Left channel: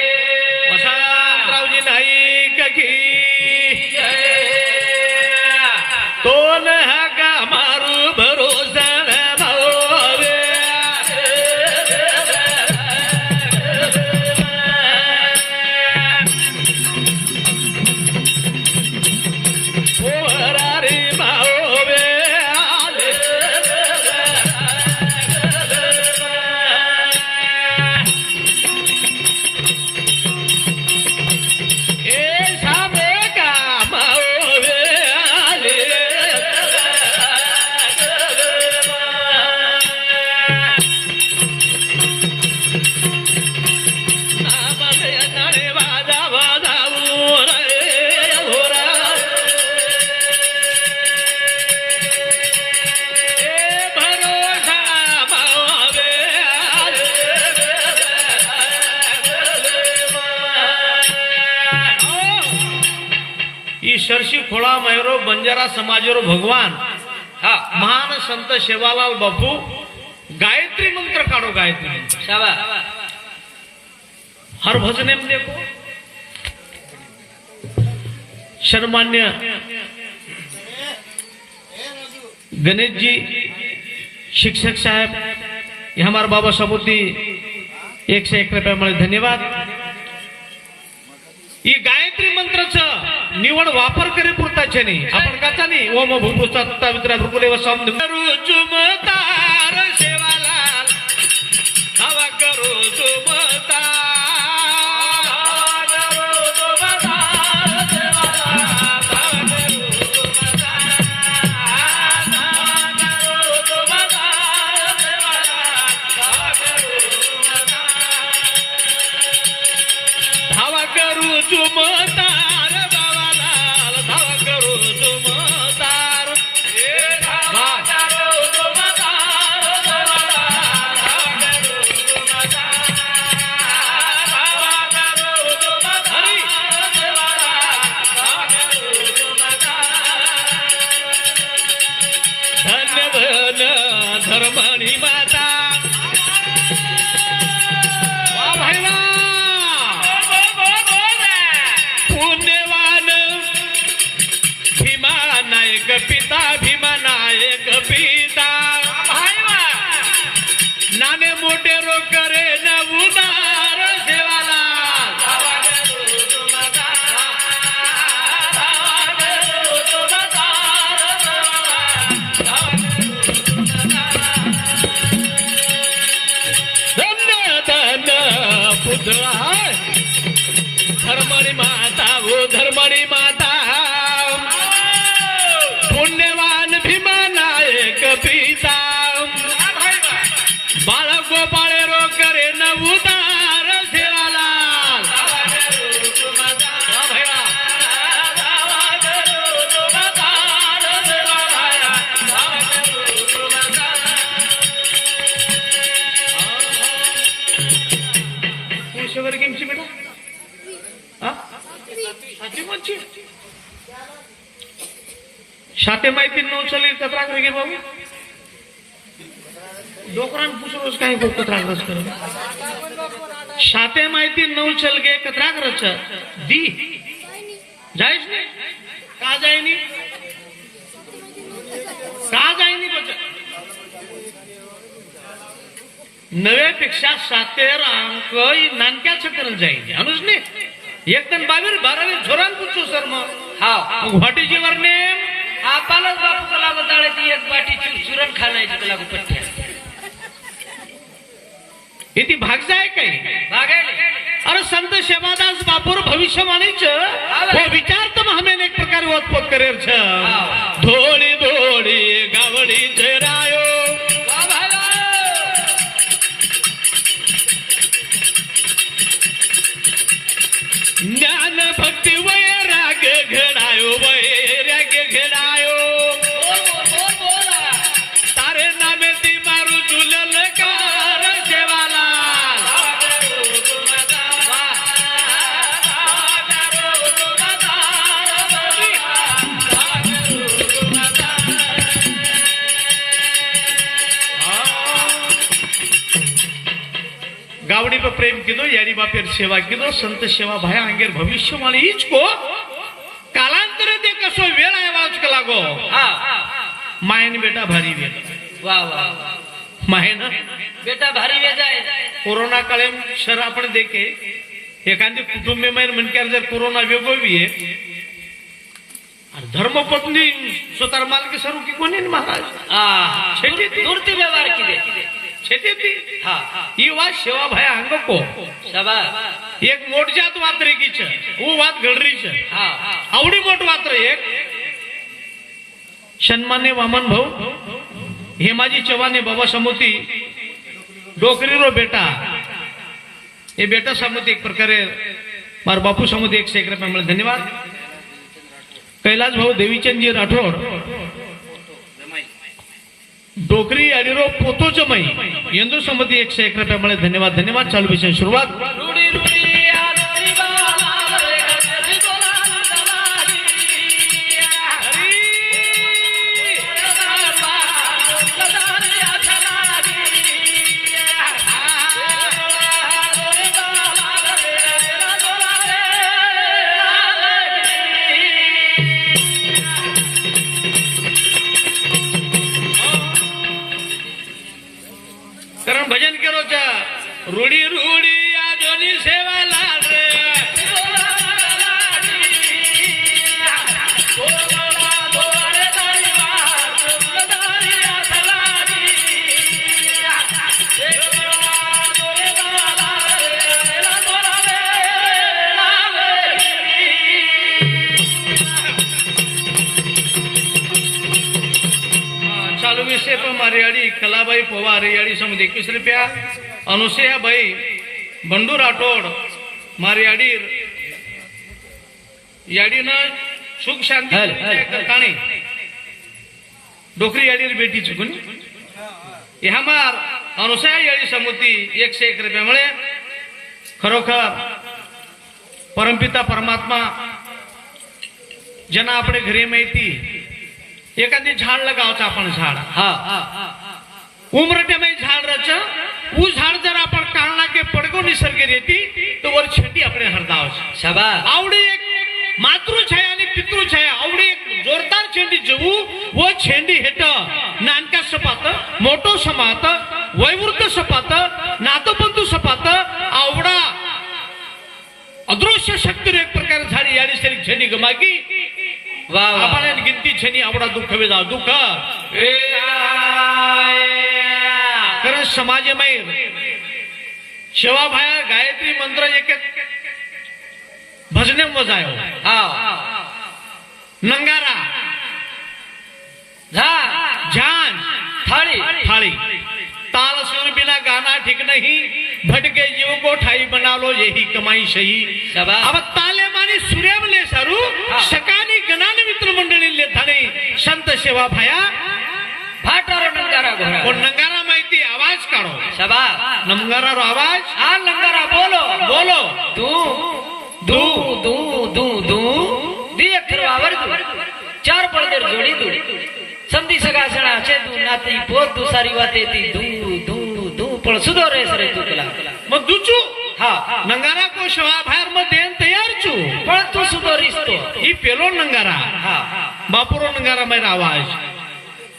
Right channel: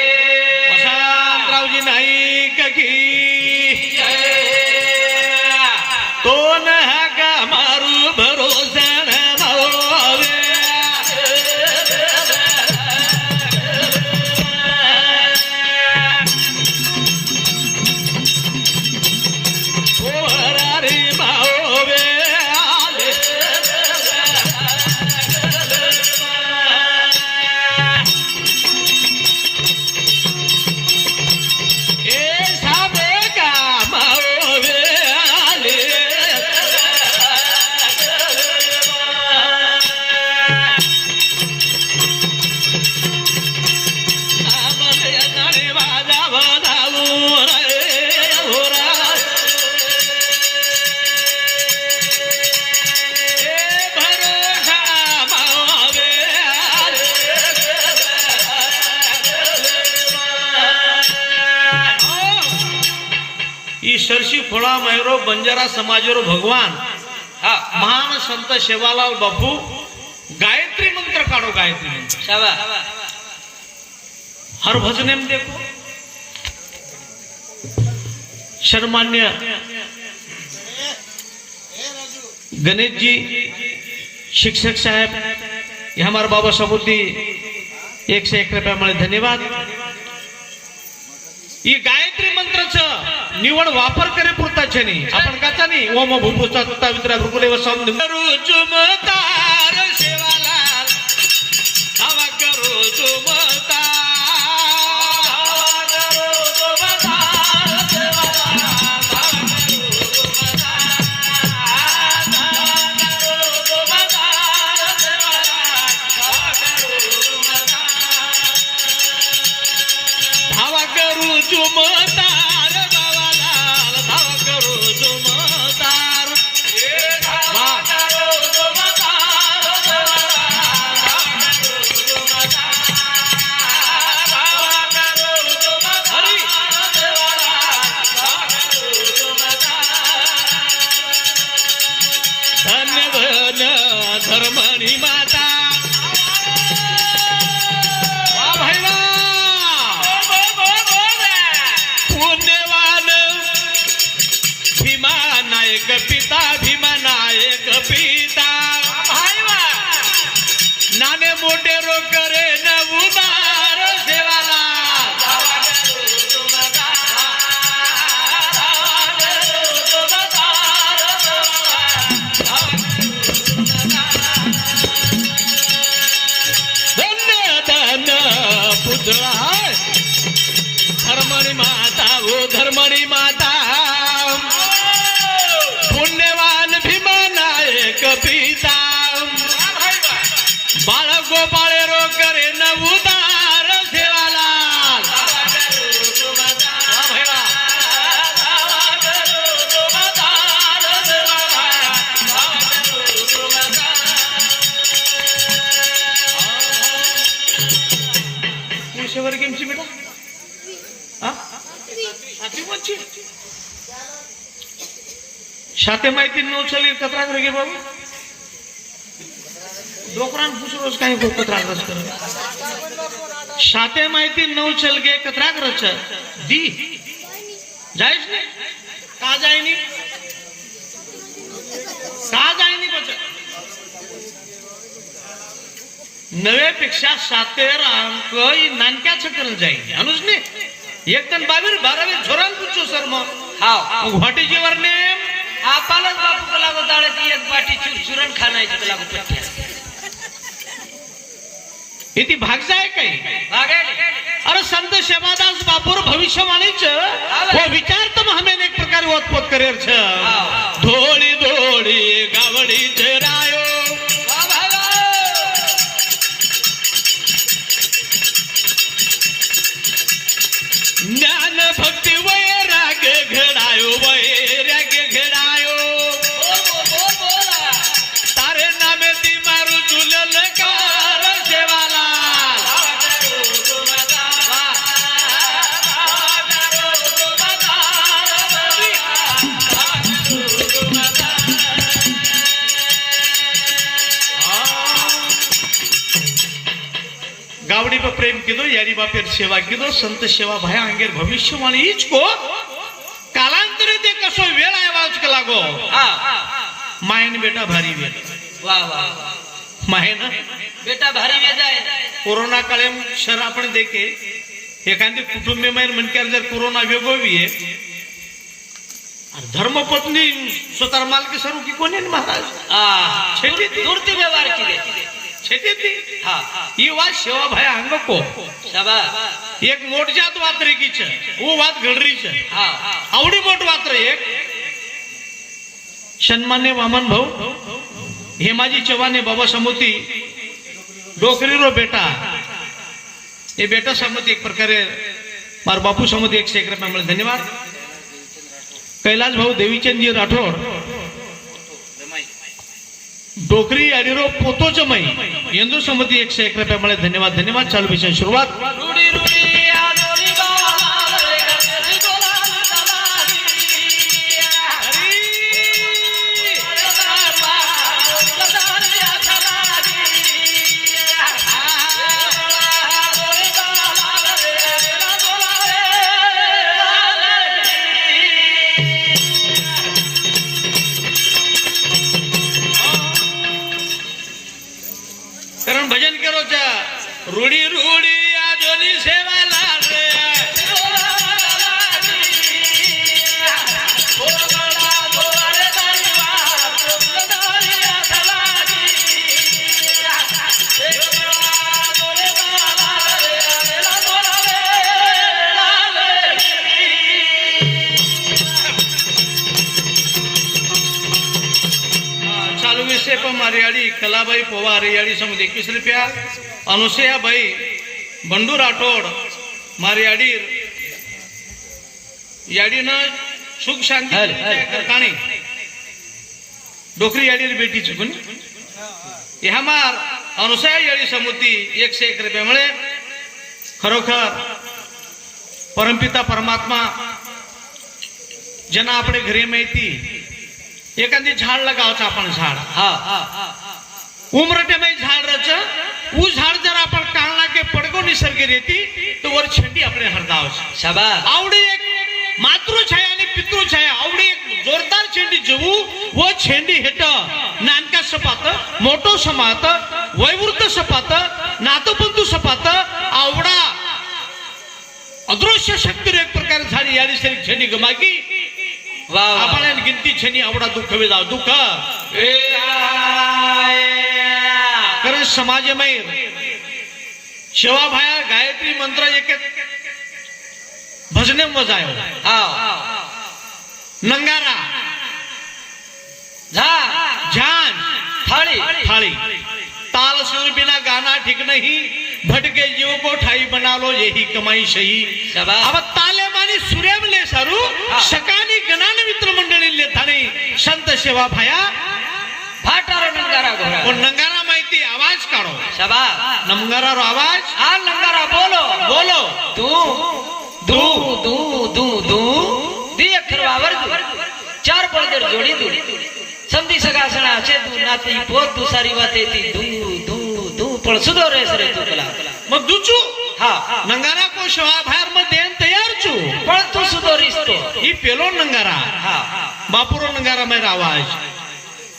वसंतरावजी नाईक की कोण हा का मारू भरोसा न भावे रे भावे ईश्वरशी खोळा मैरो बंजारा समाजरो भगवान हा महान संत शेवालाल बापू गायत्री मंत्र काढो गायत्री मंत्र शाला हर भजने में देखो शर्मान्य गणेश जी शिक्षक साहेब ये हमारे बाबा सबूती 101 रुपया मला धन्यवाद। ये गायत्री मंत्राचा निवड वापर करे पुरताचे नाही आपण कचा नाही ओम भूभुसा तत्ता भृगुले वसम जुमतार सेवाला हवा करो जुमतार हवा करो जुमतार धर्मणी माता पुण्यवान भीमा नायक पिता भीमा नायक पिता नाने मोठे रो करे न उदार सेवाला धर्मणी माता वो धर्मणी माता पुण्यवान भीमा नायक पिता बाळ गोपाळे रो करे न उदार सेवाला गेमची बेटा शाते माहिती नऊ चले कतरा करे गे बाबू डोकरान पुसरोस काय गो कतरा करस कर शाते माहिती नऊ चल गे कतरा करच दी जायस ने का जायनी बचा नवे पेक्षा शातेर अंक नानक्याच करल जाईन अनुज ने एक तन 22-12 झोरान पुचो सर मग हा वाटी जीवर ने आपलाच बापू कला बताळे ती एक वाटी चुरण खानायची कला पट्टी इति भाग जाय काही भागायले अरे संत शेवादास बापूर भविष्यवाणीच हे विचार तर हमें एक प्रकार उत्पत करेर छ धोळी धोळी गावडी जरायो ज्ञान भक्ति वैराग घडायो वैराग घडायो तारे नामे ती मारू तुलल कार सेवाला प्रेम किदो यारी बापेर सेवा किदो संत सेवा भया अंगेर भविष्यवाणी हीच को कालांतरे ते कसो वेळ आवाज का लागो मायन बेटा भारी वेळ वाह वाह मायन बेटा भारी वेळ आहे कोरोना काळेम शर आपण देखे एखादी कुटुंबीय मनक्यार जर कोरोना वेगो भी आहे धर्मपत्नी स्वतः मालकी सर्व की कोणी महाराज छेती दूरती व्यवहार किदे छेती ती हा ही वात सेवा भया अंग को शाबाश एक मोठ जात वात रेगीच वो वात घडरीच हा आवडी मोठ वात रे एक सन्मान्य वामन भाऊ हेमाजी चव्हाणे बाबा समोती डोकरी रो बेटा ये बेटा समोती एक प्रकारे मार बापू समोती 101 रुपये मला धन्यवाद कैलाश भाऊ देवीचंद जी राठोड डोकरी अडिरो पोतो जमाई यंदू समती 101 रुपये मला धन्यवाद धन्यवाद चालू विषय सुरुवात कारण भजन करो चा रूढी रूढी आजोनी सेवा लागले चालू विषय पण मारियाडी कलाबाई पोवा रेयाडी समज 21 रुपया अनुसया भाई बंडू राठोड मारियाडी याडी न सुख शांती करतानी डोकरी याडी बेटी चुकून ह्या मार अनुसया याडी समुती 101 रुपये मुळे खरोखर परमपिता परमात्मा जना आपले घरी माहिती एखादी झाड लगावचं आपण झाड हा उमरटे में झाड रच वो झाड जर आपण काढला के पडगो निसर्ग रेती तो वर छेंडी आपले हरदाव शाबाश आवडी एक मातृछाया आणि पितृछाया आवडी एक जोरदार छेंडी जवू वो छेंडी हेत नानका सपात मोठो समात वैवृद्ध सपात नातबंधू सपात आवडा अदृश्य शक्ती एक प्रकार झाडी याडी सरी छेंडी गमाकी वाह आपण गिनती छेनी आवडा दुःख वे जाऊ दुःख कारण समाजमय सेवा भाया गायत्री मंत्र एक भजने मजायो हा नंगारा झान थाळी थाली ताल सुर बिना गाना ठीक नहीं भटके जीव को ठाई बना लो यही कमाई सही शाबाश अब ताले मानी सूर्यामले सारू सकानी गणाने मित्र मंडळी ले थाने संत सेवा भाया फाटारो नंगारा घोडा और नंगारा माहिती आवाज काढो शाबाश नंगारा रो आवाज हा नंगारा बोलो बोलो दू दू दू दू दू दी अक्षर वावर दू चार पळदेर जोडी दू समधी सगासणा असे दू नाती पोत दुसारी वाते ती दू दू दू पण सुधो रे सरे तुला मग दुचू हा नंगारा को सेवा भायर मध्ये तयार छु पण तू सुधो रिस्तो ही पेलो नंगारा हा बापुरो नंगारा मेरा आवाज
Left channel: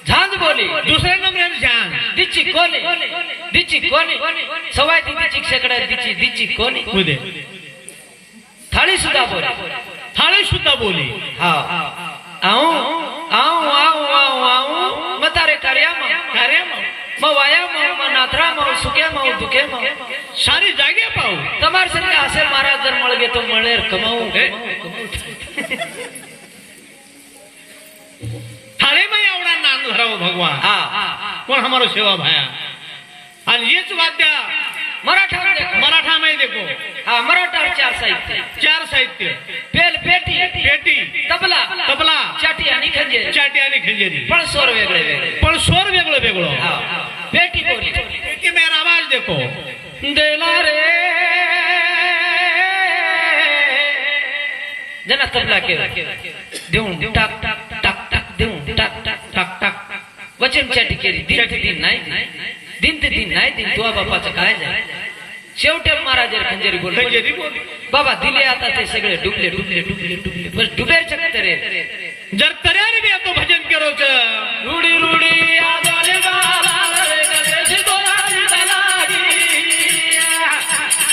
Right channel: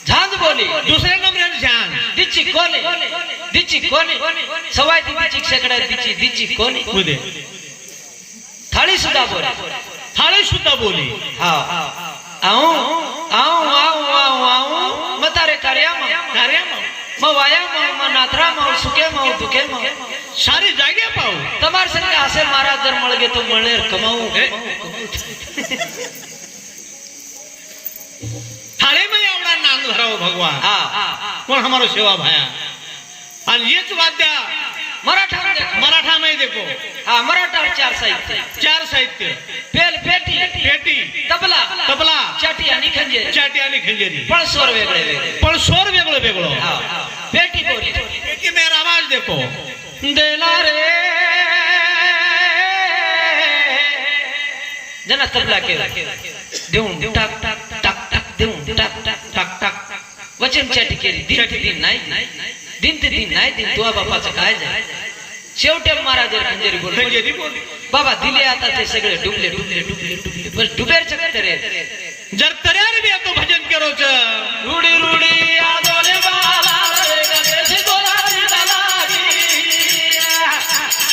झांज बोली दुसऱ्या नंबराने झांज दिची कोणी सवाय दिची शेकडा दिची कोणी उदे थाळी सुद्धा बोली थाळी सुद्धा बोली हा आऊ मतारे कार्या म वाया म नाथरा म सुके म दुखे म सारी जागे पाहू તમાર સંગે આસે મારા જન મળગે તો મળેર કમાઉ थाळे में एवढा नांद धराव भगवान हा कोण हमारो सेवा भाया आणि हेच वाद्य मराठा में देखो हा मराठा चार साहित्य पेल पेटी तबला चाटी आणि खंजेरी पण स्वर वेगळे हा पेटी बोली पेटी में आवाज देखो देला रे जना तबला के देऊ टाक टाक देऊ टाक वचन चाटी केली दिन नाही दिन दुआ बापाचं काय झालं शेवटे महाराज खंजेरी बोल खंजेरी बोल बाबा दिले आता ते सगळे डुबले डुबले डुबले डुबले बस डुबेर चक्कर जर तऱ्यार बी आता भजन करोच रुडी रुडी आदोले बाला रे गदेशी दोलारी दलागी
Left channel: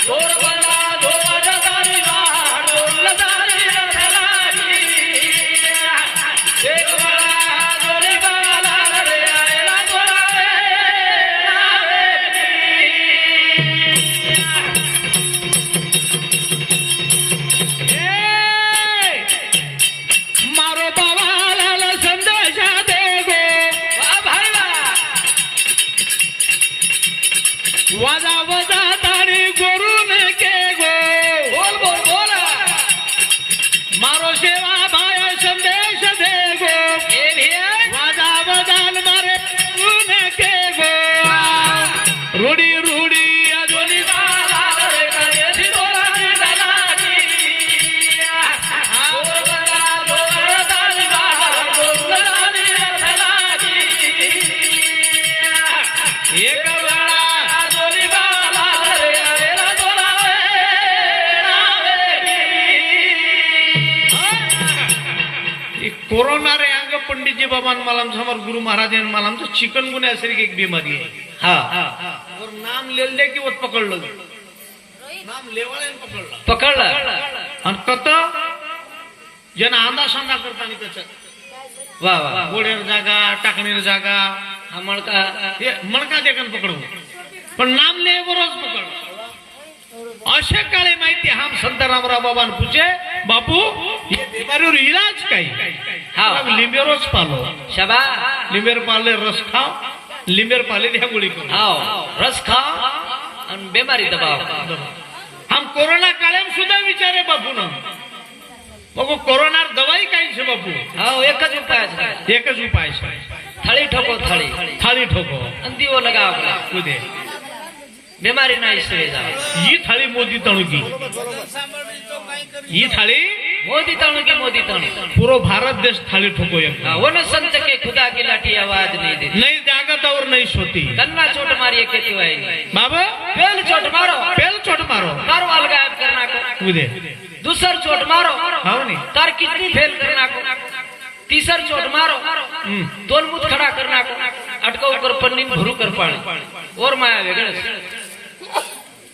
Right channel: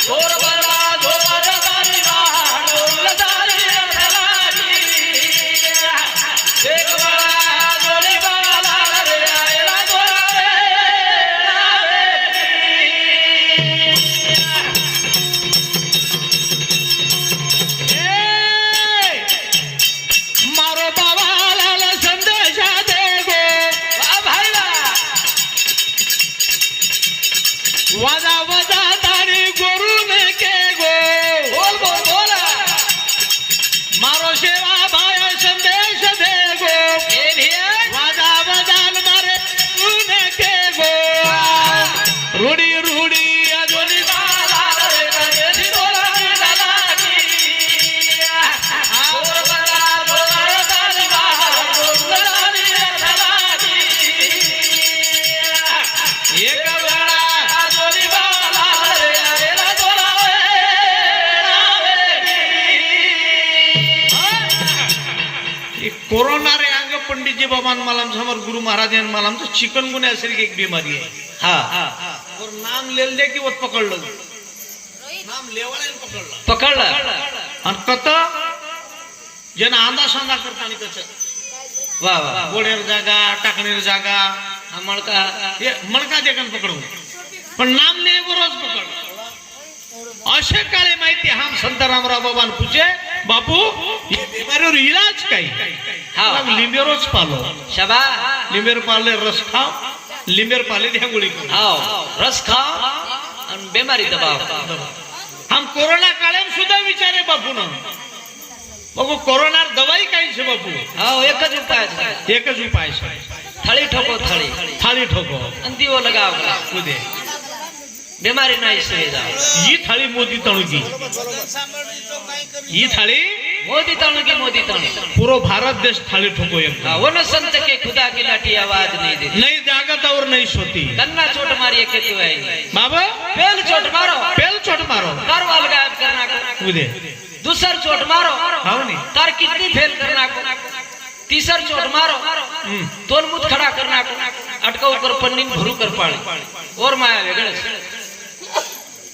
दोर बरा दोर जगारी बाळ दोलदारी दलागी एक बाला आदोले बाला रे आयला दोलारे मारो बाबाला संदेशा दे गो भाई वा वाजा वजा तारी गुरु ने के गो बोल बोल बोला मारो सेवा भाया संदेश दे गो ए भिया वाजा वजान मारे गुरु ने के गो रूडी रूडी अजोनी बाला रे गदेशी दोलारी दलागी दोर बरा दोर जगारी बाळ दोलदारी दलागी एक वेळा आदोली बाला रे आयला दोलारे ये कोरोना रे अंग पंडित जी बाबा मला समोर गुरु महाराज मला चिकनगुन्या सारखी एक बीमारी आहे हाँ और नाम लेल दे की वो पकड़ लो नाम लेवाळे पकड़ लो पकडला आणि कत जन आंदा सांदा करता आणि त्याच वा वा गोडेर जागा टाकणीर जागा हा मणका हे मणका देखन पकडून पण नाम ले बरोच पकड़ अशा काळे माहिती हम संत रामराव बाबा पूछे बापू ये बीमारीवर इलाज काही हाँ। हम लिंबेरोच पालो शबा लिंबेर पाले रस खाओ लिंबेर पाले त्या गोळी करू हाँ रस खाओ आणि बीमारी दबाव हम कोरोना काळे सुद्धा विचारे बापू ना बघू कोरोना दवाई काही छे बापू हाँ एकच उपाय आहे. एकच उपाय आहे थाळी ठोको थाळी थाळी ठोको आणि दिवो लगाव तुदे बीमारी नाही सुविधा ही थाळी मोदी तणुकी ही थाळी मोदी तणु की मोदी तणु पूरो भारत देश थाळी ठोको एक हाँ, वो न संत के खुदा की लाठी आवाज नहीं देती नहीं जागत और नहीं सोती गन्ना चोट मारी खेती हुई बाबा पहल चोट मारो पेल चोट मारो मारो अलगाव करना को उदे दूसर चोट मारो हाव नहीं तार कितनी फेल करना को तीसर चोट मारो दोन मुठ खड़ा करना को अटकाव कर पन्नी में भरू कर पाड़ी और माया वेगळच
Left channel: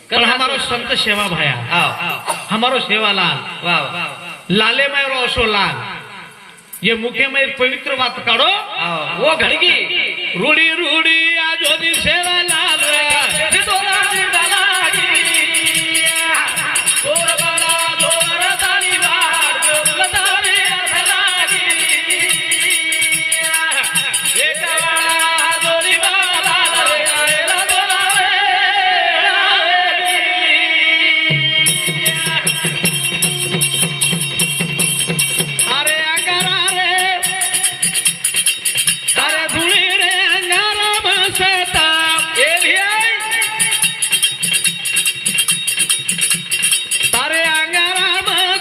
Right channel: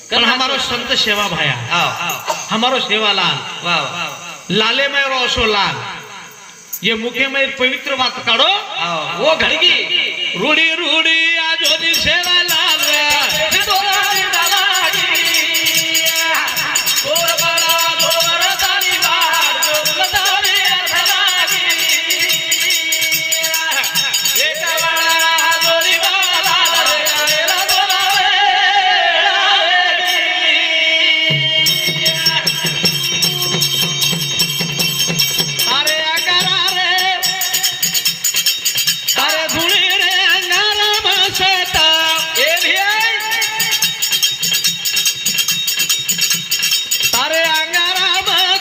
पर हमारो संत सेवा भाया हाँ हमारो सेवालाल वाह वाह लाले में रोशो लाल ये मुखे में पवित्र बात करो हाँ, वो घड़गी रूड़ी रूड़ी आजोनी सेवा लाल रे दोलारी दलागी दोर बरा दोर ताली बाळ दोलदारी दलागी एक वेळा दोरी बाला रे आयला दोलारे अरे अगरा रे अरे धुळी रे अंगारा बसता ए भिया अरे अंगारा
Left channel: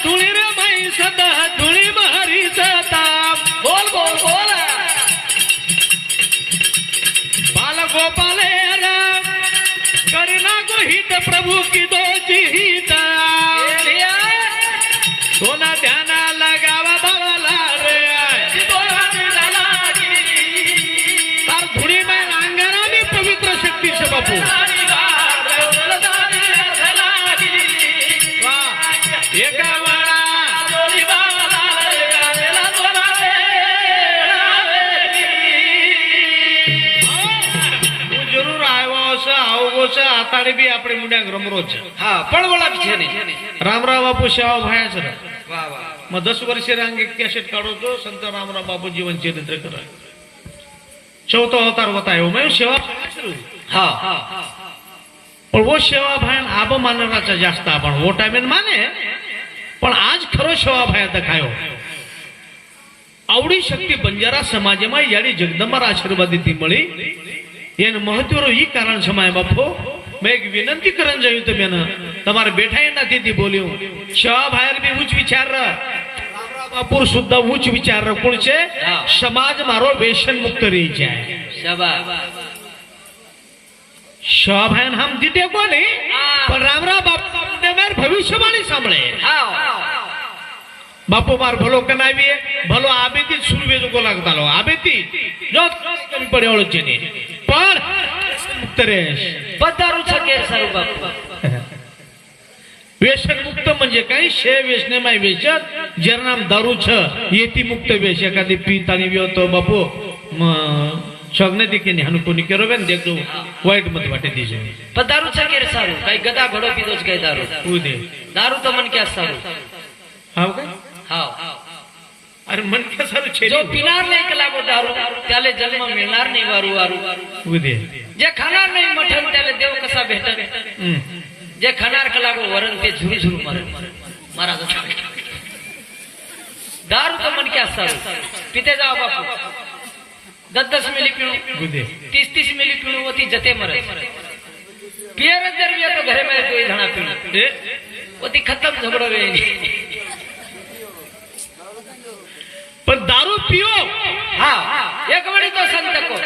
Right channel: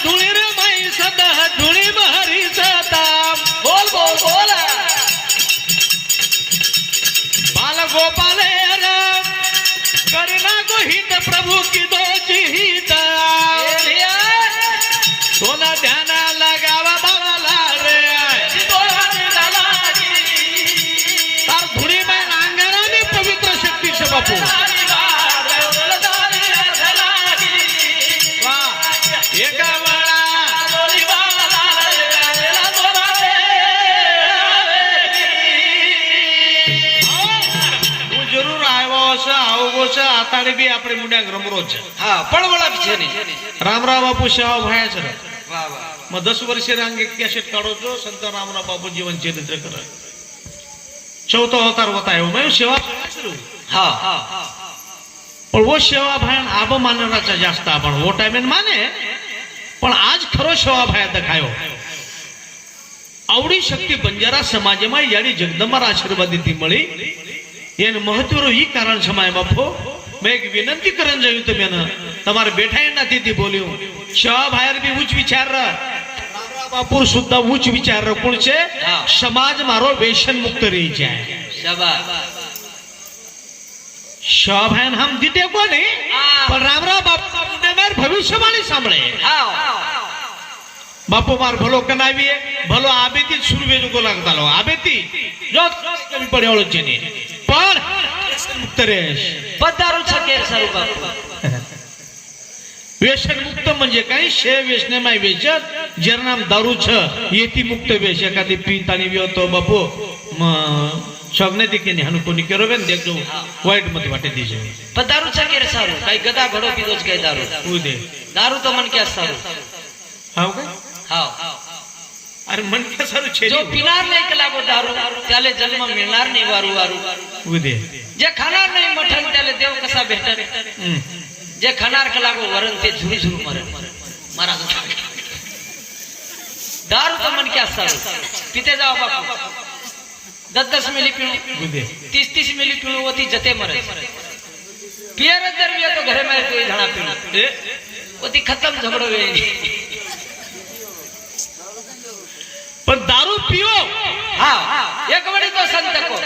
धुळी रे बाई सदा धुळी मारी जाता बोल बोल बोला बाल गोपाले राम करना को हित प्रभु की दो हिता ए भिया सोना ध्यान लगावा बाला रे दोलारी दलागी तार धुळी में अंगारानी पवित्र शक्ती से बापू वाह एक वेळा तू जरूर आवगोस आताडे बी આપણે મુંડ્યા રમરોજ रामराव बापू शेवा भायाच मग 10 वर्ष रांग एक कॅसेट काढतो संत रामराव बापू जीवन चरित्र कर चौथा अवतार होता है मैं सेवा पण वो सेवा भायन आब मानवाचा जास्त आपण वो टाइमेन माने पण आज खरो सेवा भाया देखायो आवडी शक्ती बंजारा समाजમાં याडी जगदंबा आशीर्वाद ती मळी એનું મહત્વનું ઈ કારણ સમાય બાપુ મેં એક વિનંતી કરન જયું તો મેં તમારે બેઠા નથી તી બોલ્યો શા ભાયર બી ઉચ્ચ વિચાર રામરાવ બાપુ સુદ્धा ઉચ્ચ વિચાર કોણ છે સમાજ મારો વ્યસન મુક્ત રહી જાય शाबाश શા ભાયન હમ દીતે કોને आ પણ રામરા બાપુ માર ભવિષ્યવાણી સાંભળે हाव બાપુ માર ભલો કનાવીએ ભલો આબેતી સુરવે જો લાગતાલો આબેતી જો કમી પડે ઓળખ છે ને પણ મુક્ત રહેશ પધારું છે કેર સારું બાપુ व्यसन मुक्त म्हणजे काय शे व्यसनेमाय व्यसन ज्याचं नाम दारू छ येती मुक्त व्यस एखादी पितानी व्यवतो बापू शगने देखील हनु कोणी करो बेन देखो वाईट मध्ये वाटे दीजे पधारू છે કેર સારું કઈ ગદા ઘોડો પીધો છે કઈ દારૂ उदे दारू तो मन क्या सारू हाव काय हाव अरे मन के सारू छे जो पिनार नाही केला गो दारू त्याले जन्म मिळणार नाही वारू वारू उदे जे खाणार नाही मठण त्याले देव कसा भेटणार जे खाणार कलागो वरण ते झुरी झुरू मरण महाराज दारू तो मन क्या सारू पिते जाओ बापू 10-10 मिली पिणू उदे 30-30 मिली पिणू होती जते मरे पियर जर भी तो घरे में कोई झणा पिणू ए होती खत्म झगड़ो वे पण दारू पियो हां एक बड़ी तो संत को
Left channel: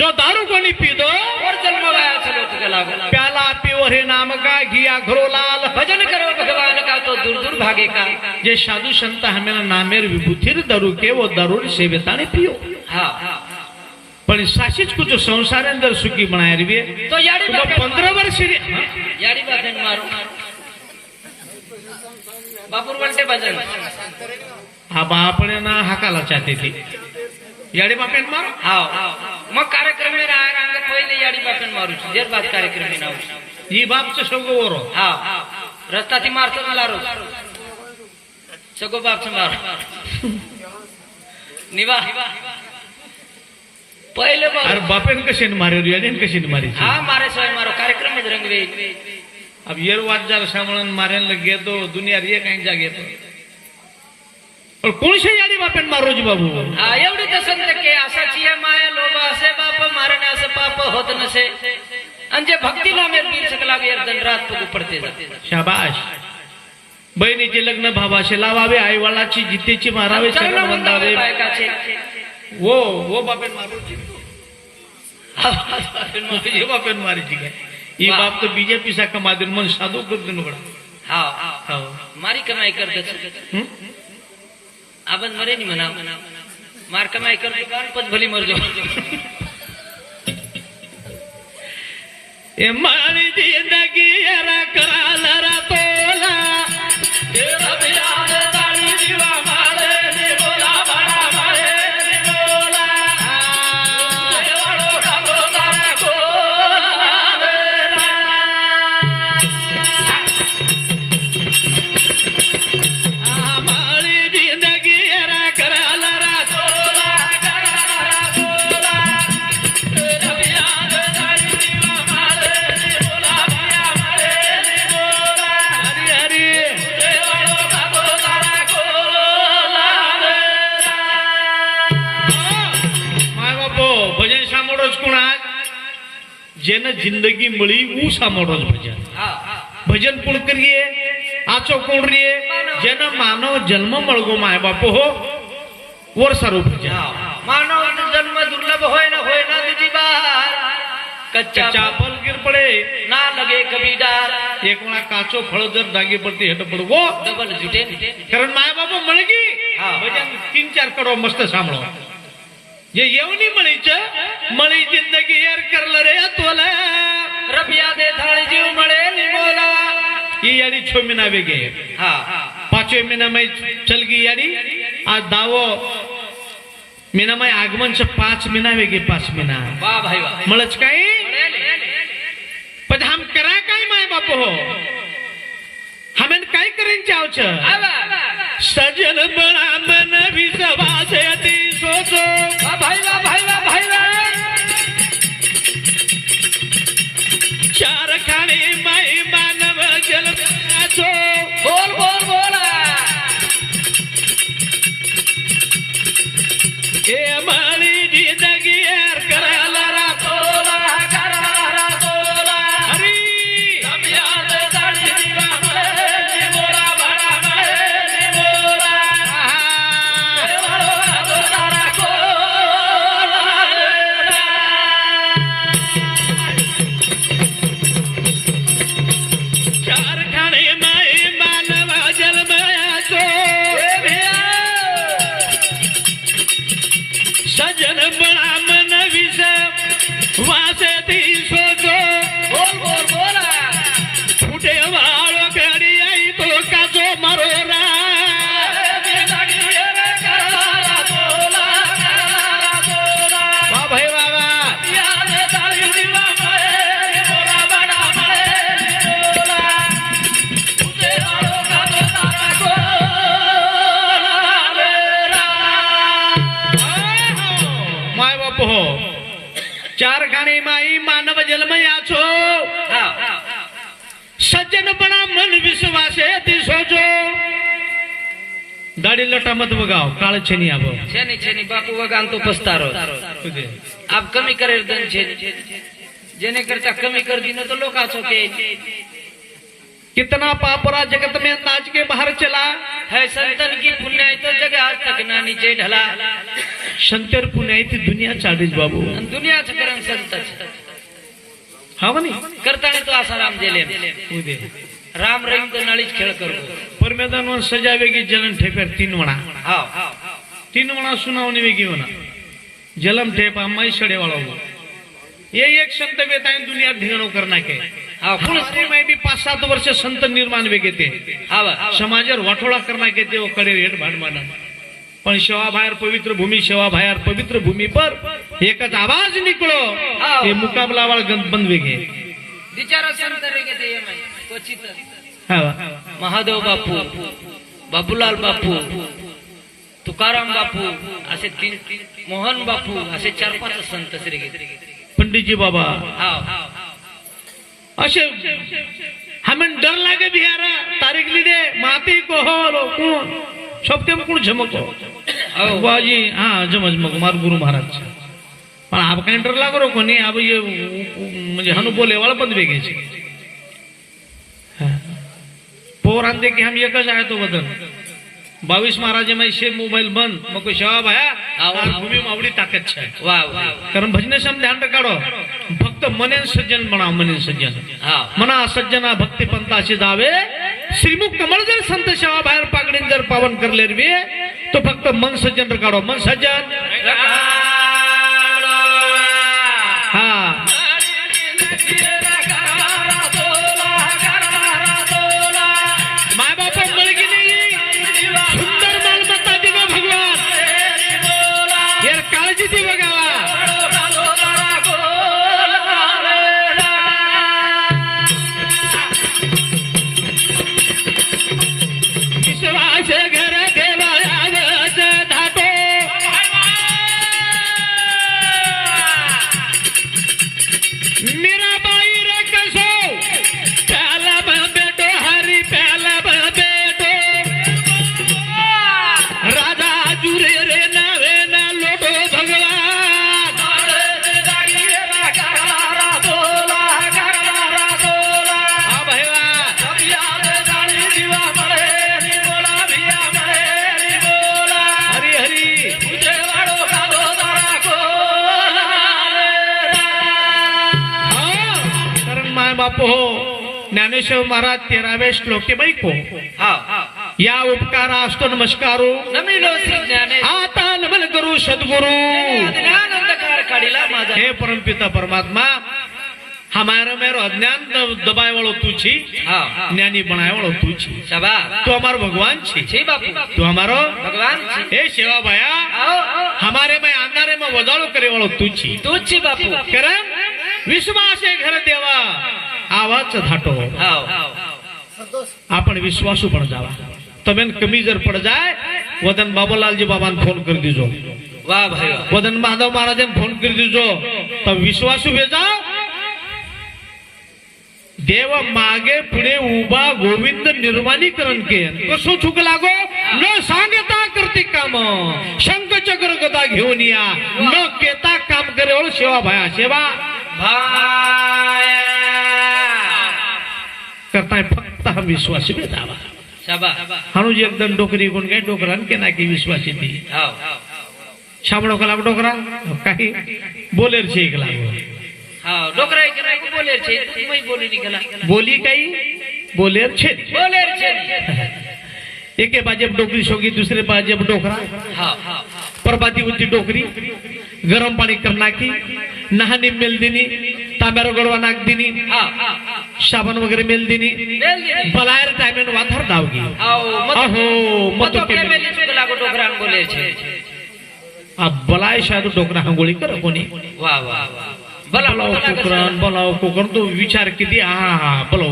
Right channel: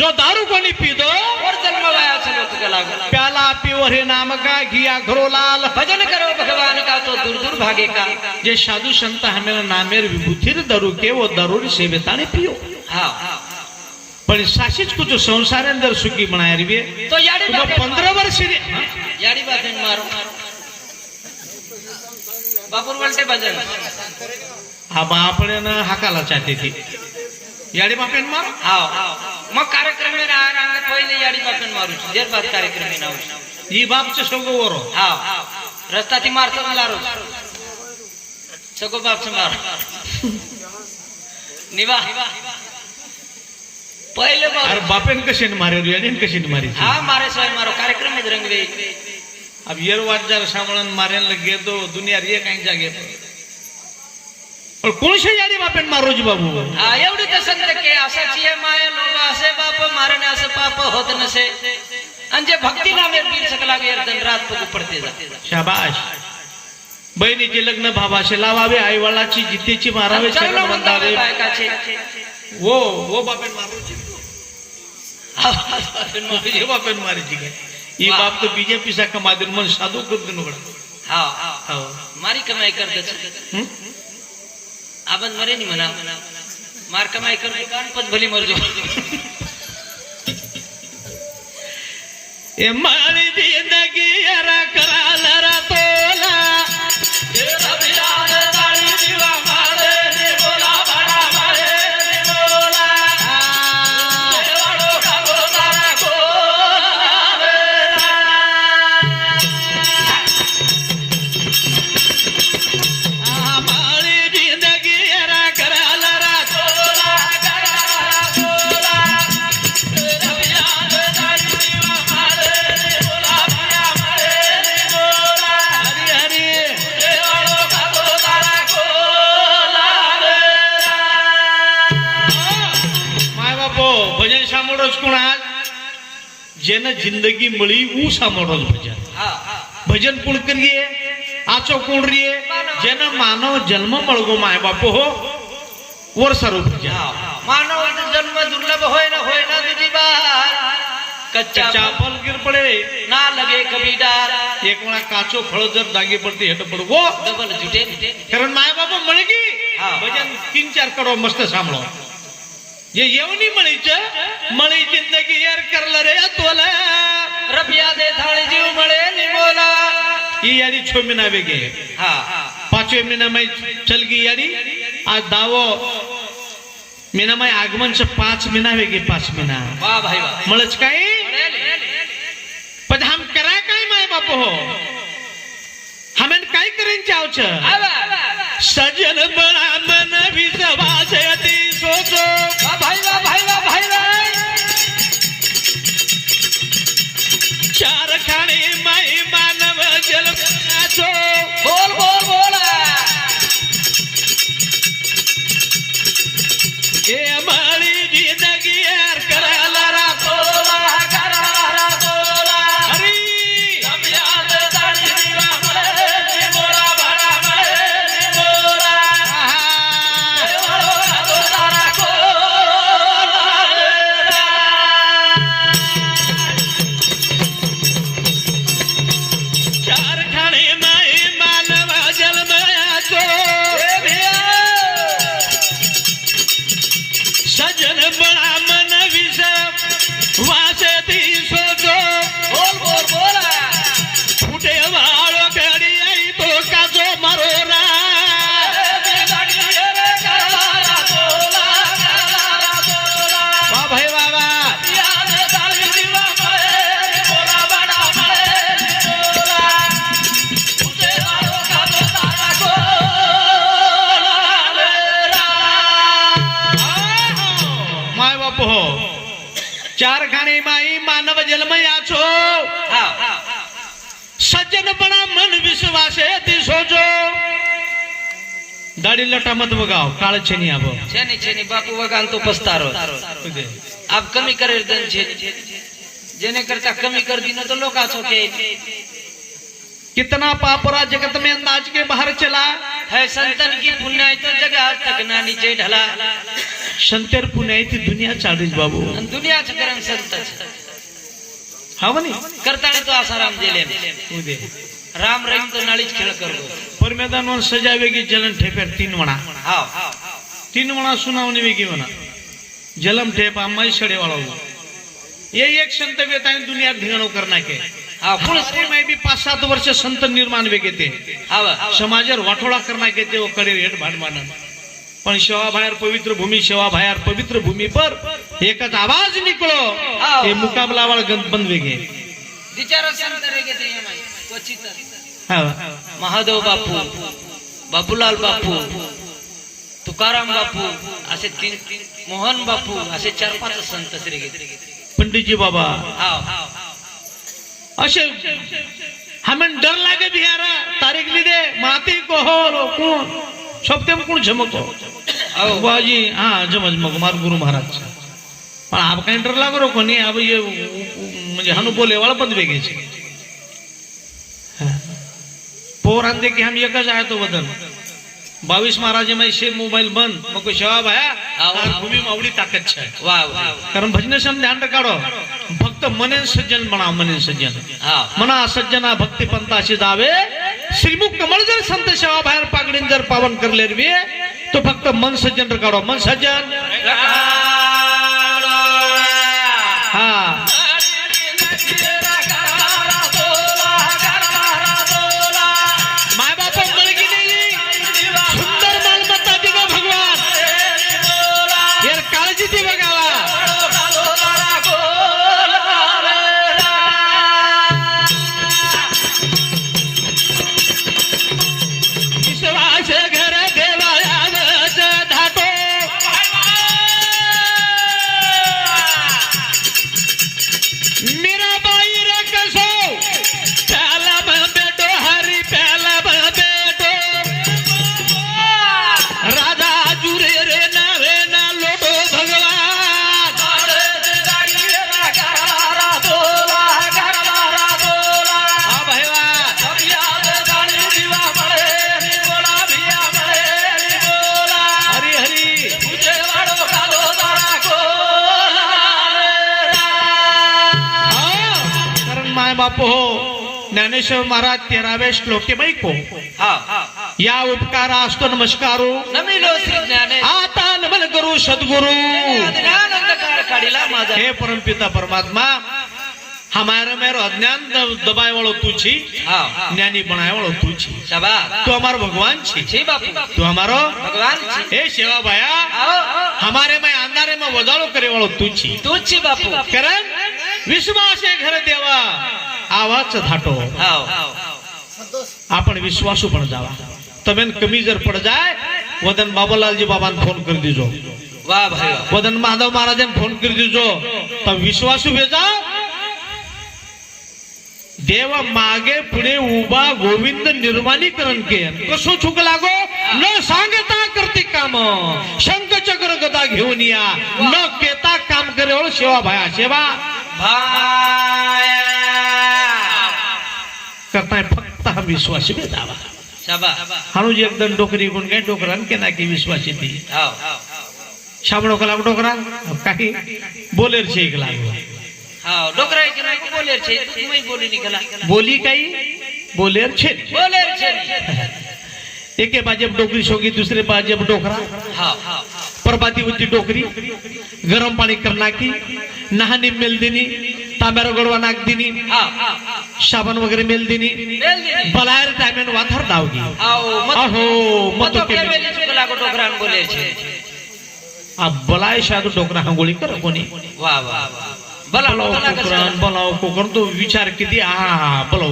जो दारू कोणी पितो और जन्म वाया चलो तो गला प्याला पियो रे नाम का घिया घरो लाल भजन करो भगवान का तो दूर दूर भागे का जे साधु संत हमें नामेर विभूतिर दारू के वो दारू सेविताने पियो हां पण साशीच कुछ संसार अंदर सुखी बनाया रे तो याड़ी तुम बापे 15 वर्ष रे याड़ी बापे मारो बापुर वलटे भजन हा बापणे ना हाकाला चाहते थी याडी बापेन मार हां मग कार्यक्रम में राहणार पहिले याड़ी बापे मारू देर बाद कार्यक्रम में नाऊ ही बापचं सगळं वरो हां रस्ता ती मारतो मला रोज सगो बाप से मार निवा पहिले बाप अरे बापेन कशी मारे याडीन कशी मारी हां मारे सोय मारो कार्यक्रम में रंगवे अब येर वाट जार सामळन मारेन लगे तो दुनिया रे काही जागे पण कोणशे याडी बापेन मारो जी बाबू हां एवढी तर संत के असाची आहे माया लोभ असे बाप मारणे असं पाप होत नसे अंजे भक्ती नामे पीर सकला यर दिन रात पगू पडते जाते शाबाश बहिणीचे लग्न भावाशी लावावे आई वडिलाची जितेची मारावे चरण शरण वंदावे वंदावे बायकाचे वो बापेन मारो जी ये बापेन मारी जी काय ये बाप तो बीजेपी सा कमादर मन साधु कर दिन बड़ा हां हां मारी कमाई करते आपण मरे नाही म्हणा मार कमाई करतो पण पण भली मर जाऊ ए मारी जिंदगी रा कराला रा तोला ए रबियान ताळी दिवा मारे रे बोला बडा मारे रे बोला ए वडो डाबो तारा गोला मारी जिंदगी रा कराला रा तोला रबियान ताळी दिवा मारे रे बोला बडा मारे रे बोला हरी हरी ए वडो डाबो तारा गोला माय बापो भजन सामोरच कोणा जेन जिंदगी मळी ऊ सामोरच भजन हां भजन कोण करिये आचो कोण रिये जेन मानव जन्म मळगो माय बापो हो वर सारू भजन मानव जन्म दुर्लभ होय ना तुझी बार कच्चा चापल गिर पडे ना लगे कभी डार एक वेळा काचो फळ जर दागे पडते हेट पडगो डबल जुटे कारण माय बापो मळगी हा. भजन 3-4 करो मस्त सांभळो जे येवनी मळीच मळी जिंदगी एर करला रे तोला रबिया दे थाळे जीव मळे बोला ही याडी 6 महीना वेगे हां 5वें महीना में चल गई याडी आज दावो महीना में आगमन से 5 महीना वेगे 5 महीना वाह भाई वाह मळच काय पण हम कराय काय माय बाप हो हमें काय करेन चावच सजन बळा मन विश्वास यती सोच भाई चार खाणी माई मानव जन्माचो बोल बोल बोला हे माळी जिंदगी यार करायला रा तोला हरी याद ताळी दिवा मळे बोला बडा मळे बोला चार खाणी माई मानव जन्म याचो सज्जनपणा मन विश्वासे ती सोचो दाढी लटा मत बगाव काळ छेनी आबो छेनी छेनी बापू वगान तो पस्तारो आप कमी करे दन छे जेने करता कमी कर दी ना तो लोग आचो के कितना पापरा जगत में अंदाज के बाहर चला है संतन की पुण्य तो जगह आज तक ना नीचे ढला संतर पुण्य ती दुनिया चालीस बाबू दुनिया करन संत हा म्हणे करता तो आसाराम जेले राम रहीम तो नाळीच खेळ करो पर मैदान सजावेगी जलन ठेपर 3 वणा हां 3 वणा सुनावणी वेगी वणा जलम ठेपा माई सडे वाळो ये एक संत वेताय दुनिया ढेणो करना के हमारे में भी 5-7 वर्ष संत निर्माण वेगे ते समाजर वाटोळा करना के ते कडे हेट भाड मानन पण सेवा बाहेर पवित्र भूमि सेवा बाहेर पवित्र भूमि पर एकच आवाज निकलो ये मुकाबला वाला गंध बंद वेगे बिचारा संत रेगे ते माई क्वचित हा महादेव बापू बापूलाल बापू तुकाराम बापू असे 3 मोहन बापू असे 4-5 संत रेगे पंडित जी बाबा हां असे हमें डर लागे बिहारा तारीख ली दे माती को हो कौन सबते में कौन झमको बाजी हाँ जमज मग मार गुरु महाराज पण आप काही डर लागो रो कोणी अब ये म्हणजे हनु बोले वाला बंद वेगे छे पोर आंदे की हम एकच आहे तो बदल 22 महाराज में से मोबाइल बंद मको सेवा भाया और भूमि में आवडी ताकत छे वाह वाह कारण भजन सम ध्यान रखाडो फक्त मने सज्जन बना मने सज्जन मना सज्जना भक्ती पंथाशी जावे श्रीमुख कमल जर संत सेवा बाहेर पागडीन जर पावन करले रे तो फक्त मन सज्जन रखाडो मन सज्जन हा माय बाप मुलगी नाही सुंदर मालमत्ता दिवा भगवान यार काळजी दी बघावा ज्ञानेश्वर महाराज 13वें श्लोके बाईको या उपकार असतो नमस्कारो नमिलो श्री ज्ञाने आता नमन करू सद्गुरु हे परमपिता परमात्मा हमारा मेरो अज्ञान दबाए वालो तू छी ज्ञानी बनाए वालो तू छी तू हमारो भगवान छी तू हमारो भगवान छी हे सेवा भाया हमारे में अंधारे में वजाळो करे वालो तू छी बापू कारण विश्वास है घर देवा आवाज धाटो आपण विश्वासू पण जावा तबेन कमी जर पड़ जाए वदन बाबूलाल जी बाबा फोन कर दीजो वाह भाई वदन माधव महाराज फोन कर दीजो तब विश्वासू भेजा देव मागे पुढे उभा गोविंद निर्माणीकरण के कसो चुक लागो न सांगता करते काम शंख चक्र गदा घेऊन या न केता काम करे सेवा भाया सेवा करताय फक्त हा विश्वास भेटावा हाणू एकदम डोकरी गुण काय डोकरान केना की विश्वास येते शामणो कला डोकरा काही बोलेर छे एकला हां डोकरा के नाही बोलेर छे तुम्ही बोली निकला बोली काही बोलेर छे एके बाजे डोकरी सोगी दूसरे बाजे डोकरा हां परबाती होती डोकरी गरम पानी करना की नहानी मेल दिनी तांब्यार गडवा नाक दिनी साबण वगैरे मेल दिनी बलायर टाइमेन वाथर दावगी अहो मत के मेली चुकला को डोकरान बोले छे अब बलाय शादू डोकरा हंगोळी कर कोणी वाह वाह बोलाव कोकण तो विचार किती बोलाव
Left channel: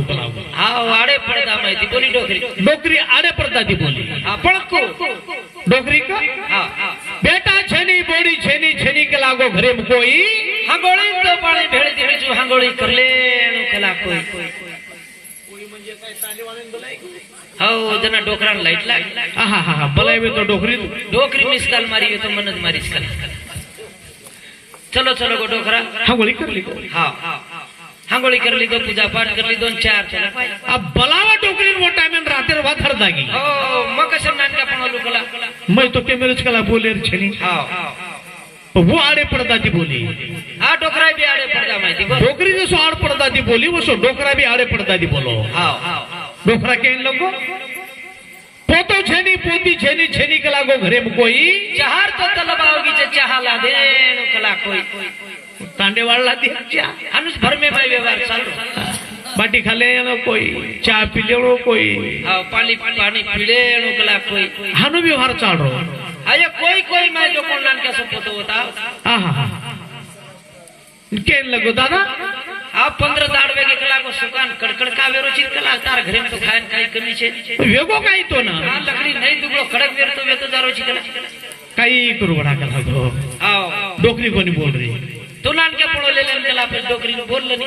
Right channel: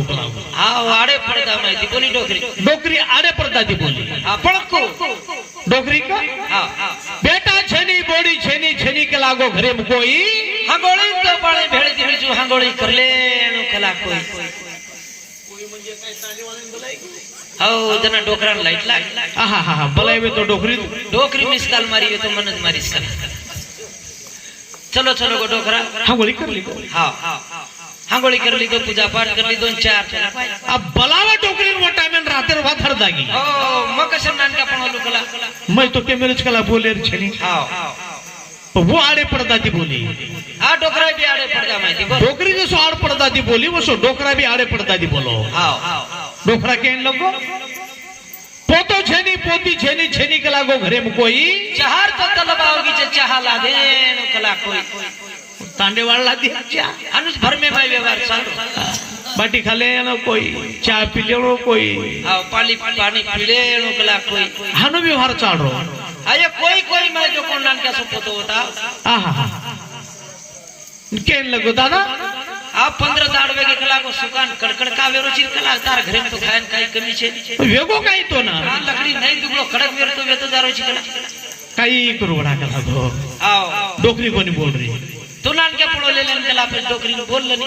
आडे पडदा माहिती बोली डोकरी डोकरी आडे पडदा ती बोली पळको डोकरी का बेटा छेनी बोडी छेनी छेनी के लागो घरे में कोई हांगोळी तो पाणी भेळती बिजू हांगोळी करले कला कोई हो जना डोकरान लाईट लाग आहा हा हा बलायवे तो डोकरी डोकरी मिस काल मारी तो मनत मारीस काल चलो चलो गो डोकरा हा गोळी करली हा हांगोळी करली गो पूजा पाठ करली 2-4 चला अब बलावा डोकरी मोठा में रातेर वाथर दागी हो मग कसं नानका पण लोकला मैं तो के मेरच कला बोलेर छनी हा वो आड़े पड़ता थी बोली हा डोकरा बी आडे पड जा माहिती बो डोकरी ने सो आड़ पड़ता थी बोली वो सो डोकरा भी आड़े पड़ता थी बोलो हा डोकरा के लगो पोतो छेनी पोती छेनी छेनी कला गो घरे में कोई चहार तो तलबावगी चे चहाला दे कला कोई तांडे वाला दिया अनुज भर में माय व्यवहार चालू बाटी खाले न कोई चाय पी ले कोई आओ पानी पीले कला कोई हानो व्यवहार चाड़ो अरे कोई कोई मैं जो कोण नानका सुपतो होता आहा केन लगो दादा आप 15 दाडवे के कला को सुकान कड़कड़ का वेरो चिर कला तार घरे में तो खायन काही कमी छे वेगो काही तो ना आ लकड़ी नहीं दुगो खड़क वेर तो वे तो दारो चिकला काही करू बडा कला गो आओ डोकरी कोनी बोल रही तू नानका पड़ो ले लेन कला पे डोकरी बोल लनी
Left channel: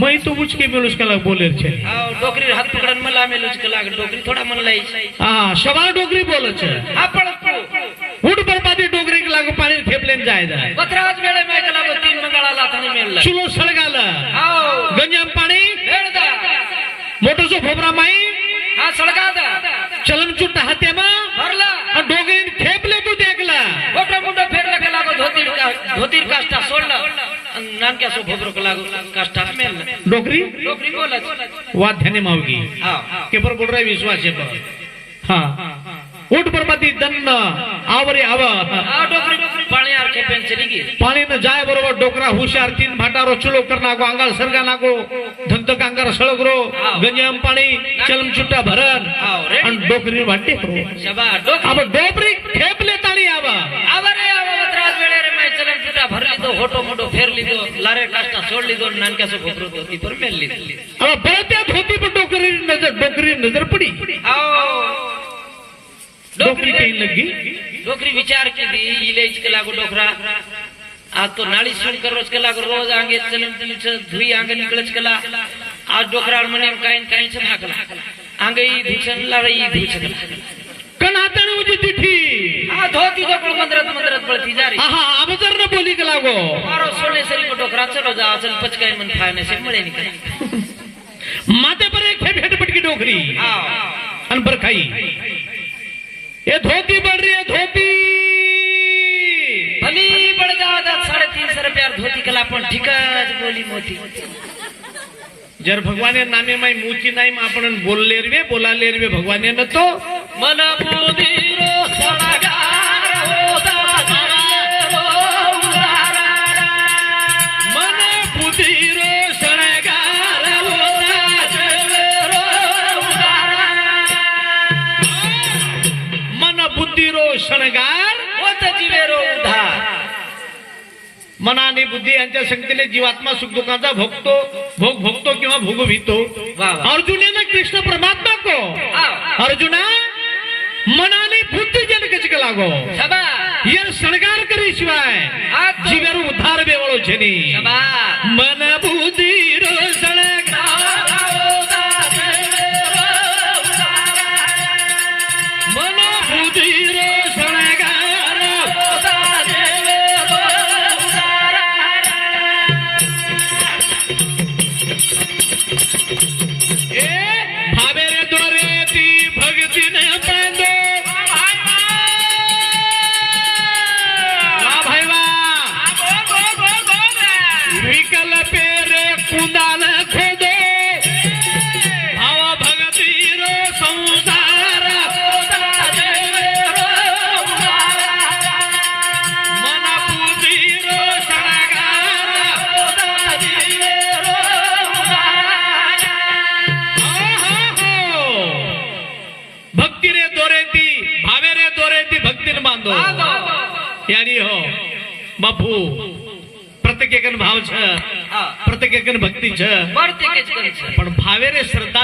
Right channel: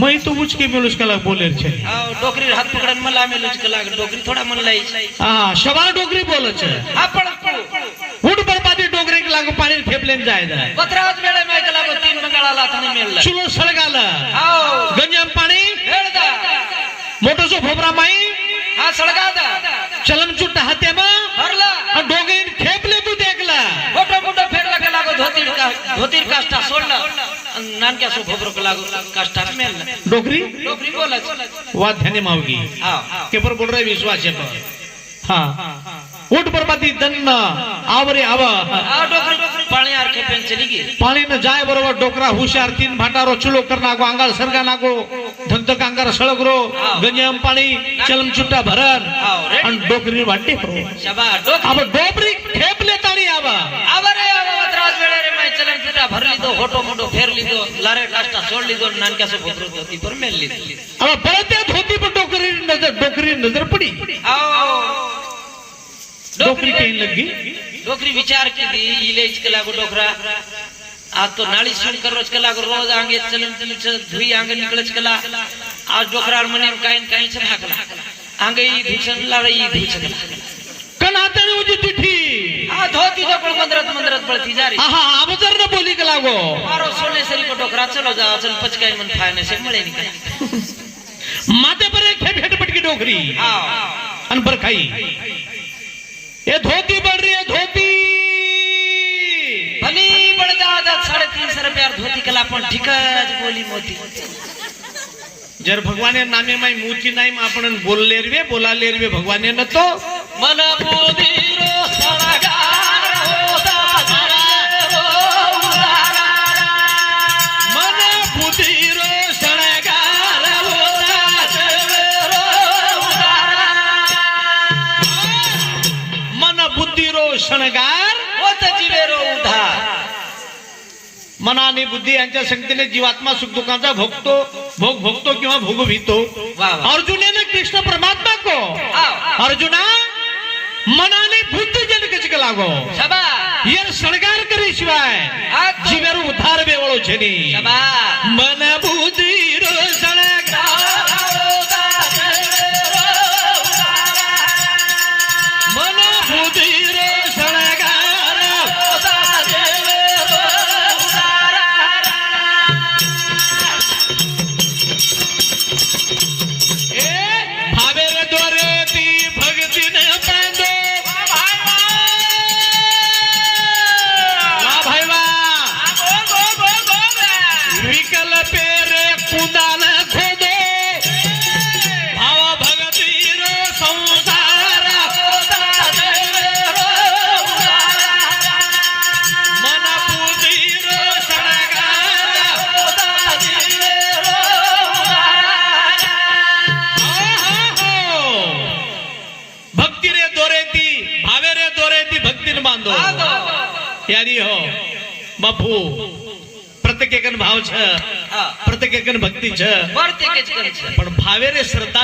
मैं तो मुझ के मेलुस कला बोलेर छे आओ डोकरी हाथ पकड़न मला में लुच कला डोकरी थोड़ा मन लाई हां शवार डोकरी बोले छे आपण उड बरबादी डोकरी के लागो पानी फेपलेन जाय जाय पत्राज मेळे में कला 3 मंगळा लाथनी मिळला चुलो सळगाला आओ गंजम पाणी हेडदा मोटो सो भोबरा माई हा सळगादा चलन चुट हाते मा भरला डोकरी फेपले तू देखला मोठा मोठा फेरला कला को धोतीर काष्टा सोडला नानक्या सो भोबरो कला काष्टा मेल डोकरी डोकरी बोलच वा ध्याने मावगी हां के पर बोल रहा विश्वास है पर हां उठ बरबादी दन्न आवरे आवा आ डोकरी पाणी आर के पेन चली गई पाणी न जाय बरोबर डोकरा हुशार 3 भाटारो चुलो करना गो अंगाल सरगा नागो धंत कांगार सळगरो गंजम पाणी चलम चुट्टा भरन अन डोकरी वाटे शबा डोकरी अब डोकरी खेपले ताणी आवा आवरे त्रास वेळे रे माय चलम चुट्टा भरली तो होटो मोटो फेरली तो लारे काष्टा सोडली तो नानक्या सो भोतरो धोती पर मेलली अब बळते धोती पर डोकरी नजर पड़ी आओ डोकरी कहीं लगी डोकरी विचार की दी इले इचकला गो डोकरा आ तो नाली सुन कर रोज कला गो रोज आंगे चलन चलिच धुई आंगे निकलच कला आज डोकरा मने काई छ भागला आंगे ई धुचन ला रे ई धुचन कनातन उजी तिठी आ धोती जकळ मंदरत पळती जा रे आहा अबजर न बोली के लागो मारो सोने सरी को डोकरा चलो जा चल पचकाई मन थाने से मळे निकल माथे पर एक हेट पटकी डोकरी हां अन पर खाई ये धोती बढ़ रही है धोती भली बढ़ जा 350 रुपया धोती कला पण ठिकाच बोली मोती जर भगवाने नामे माई मोची नाही आपण बोलले रे बोलाले रे भगवाने न तो मन बुधीर सरगार होता मन बुधीर सणगार मन बुद्धीरो शणगार होता जीवेरो उधार मना आणि बुद्धी यांच्या संगतीने जीवात्मा सुख दुखाचा भोगतो किंवा भोगवितो अर्जुनाने कृष्ण परमात्मा को अर्जुना मनाने बुद्धी जनक च लागो शबा ये शणगार करी शिवाय जीवेरो उद्धार बेवळो छेनी शबा मन बुद्धि रो शणगार मन बुद्धि रो शणगार भावेरे द्वारे ती भक्ति ने बांधो भाई विकल पेरे कुदान खोदो भाव भक्ति रो संसार मन बुद्धि रो भक्ति रे दोरे ती भावे रे दोरे ती भक्ति ने बांधो यारी हो बापू प्रत्येक भाव छ प्रत्येक भक्ति छ बढ़ते के पण भावे रे श्रद्धा